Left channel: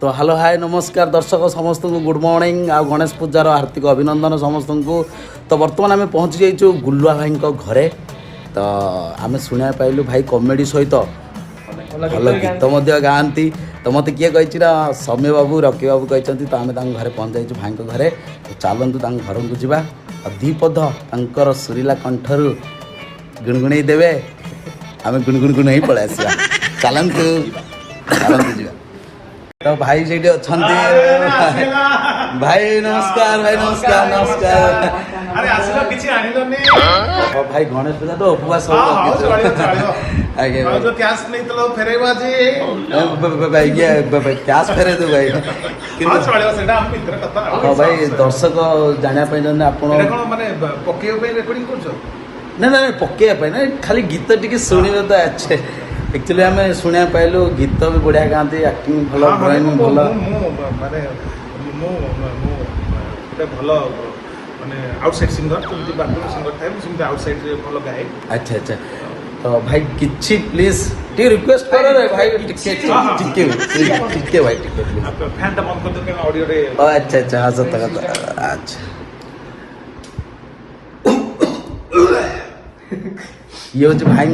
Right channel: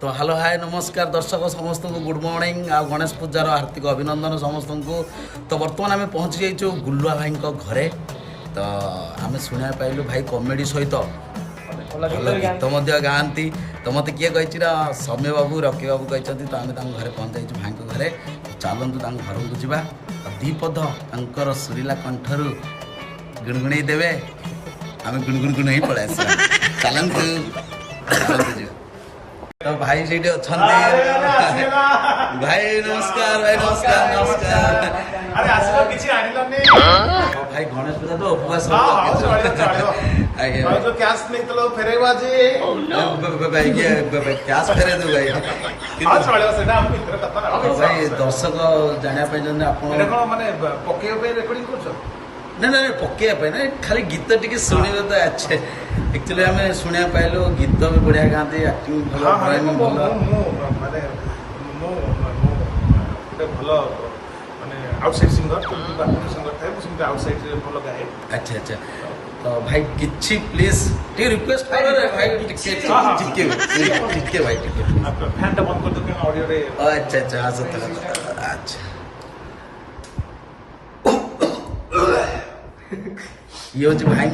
तो hello hi नमस्कार दर्शक समस्त को गुड मॉर्निंग आ गणेश पूजार हार्दिक अभिनंदन समस्त को। तो बर्तमान आम पहुँची जाइए गुलुआ भाई घरे। तो आम शुणा पाइलु भाई कमेडी सहित भल गीत गाँती। तो मत किए कही सौम्य बाबू रकी बाबू कहते तो आम घरे पहुँच जाइए भाई घरे। चलतु घर को जावा दीपद तर सुरीला कंठरू गुणगुणई देवे आम गुणगुण ही पलि आसा। चलतु चलतु जा। तो भाई से अच्छा भाई नमस्कार भाई नमस्कार नमस्कार। अरे आसलो किछि आनिलनी भाई गणेश पूजा तो उपवास आगे जो कैश नहीं तो फेरेबा जी भाई ये कैश फेरे दो भाई। हां चलेबा सेटा हम मित्र कथा। हां भाई दर्शक जानिया पय जने आपण एटा कोन माने पकेयो पे रेकॉर्डिंग करछो ना ना पकेया पे ना खाली गीत टिके सुनिबे तो अच्छे। एक्चुअली हमें शुणा पाइलु गीत भी बढ़िया गाँती एक्टिंग भल ड्राइंग भल माने मो भल माने आउटसाइड सिंगर बाथरूम सिंगर थाए मुझे आउटसाइड रे भल गाए। अच्छा अच्छा। तो भाई किछि प्लीज टी रिक्वेस्ट कर रे भाई टिके भाई टिके फैन ता मत कर दे ऑडियो रे। अच्छा अच्छा अच्छा ये हूँ भाई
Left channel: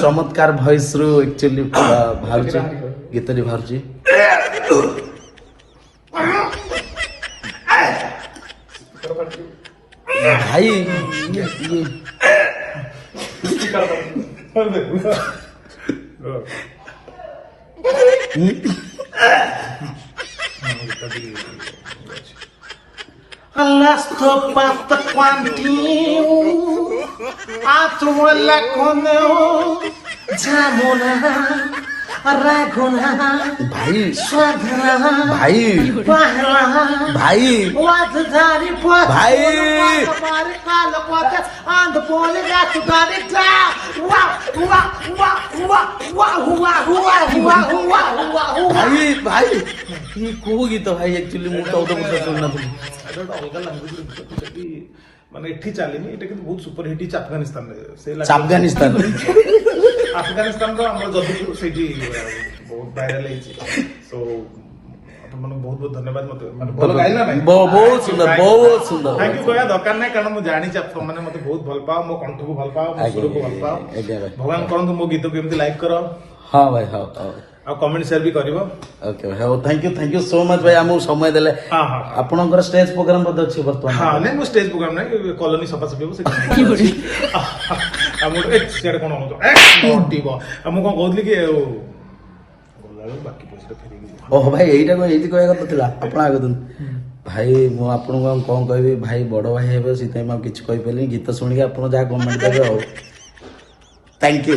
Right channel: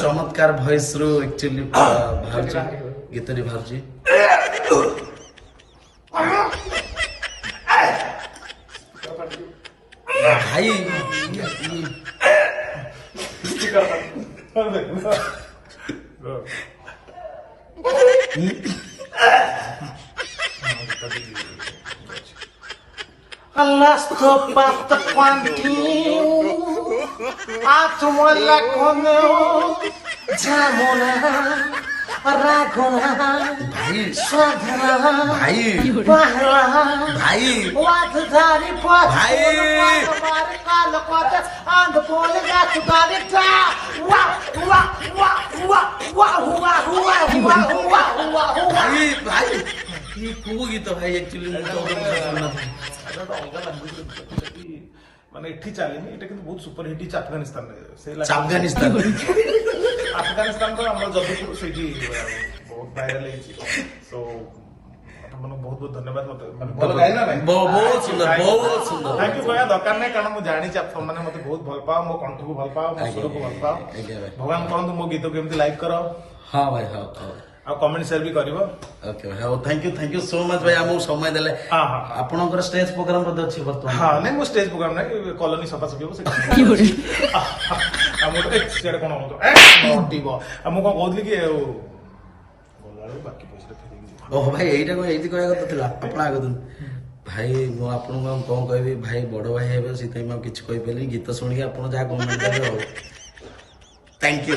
चमत्कार भॉइस रु एक्चुअली बाहर गीत बाहर भाई Alasto pasta quantinho Atuala coneo Jamona Raguna भाई Sadhana भाई Bahra भाई Watadari Pot भाई And the boy got to got it down. भाई भाई ये को गीत भाई एक्चुअली मु तो सुनना अलग लैंग्वेज माने एठी चलीनी एटा किंतु बहुत सुपर हिट इच अफगानिस्तान रे से अफगानिस्तान अफगानिस्तान रो हमर जदुपुर सेठी बहुत वायरल हेची। सो मन बहुत बहुत धन्यवाद मते माने बोल गाइला नै बहुत सुंदर बहुत सुंदर। थैंक यू कोया दरकार नै कारण मु जानि छ माने मते बहुत भल पाओ मो कंठ को भल पाओ मो सुर को भल पाओ भगवान करन मो गीत को एमती लाइक करो। हां भाई हां आ कमेंट शेयर भी करिवो। ओके भाई थैंक यू सो मच भाई हमहु समय देले। हां हां आपनकर स्टेज प्रोग्राम बद अछि वर्तमान। हां नै मो स्टेज प्रोग्राम नै कॉलोनी सफा सकेबो से की होडी आ मो एक शेयर कोन हो तो ए मोटिबो आ मो कोन कहली कि गोलालो बाकी पैसा फेरि ओह भाई एइटा को एइति कहया କଥା थिला आपण आगत भाई मु आपन को कोन कहबी भाई बड़ भाई हेबे सितै म किछ कहि पेली गीत सुनि के आपण जा कमेंट देबे हो। Thank you.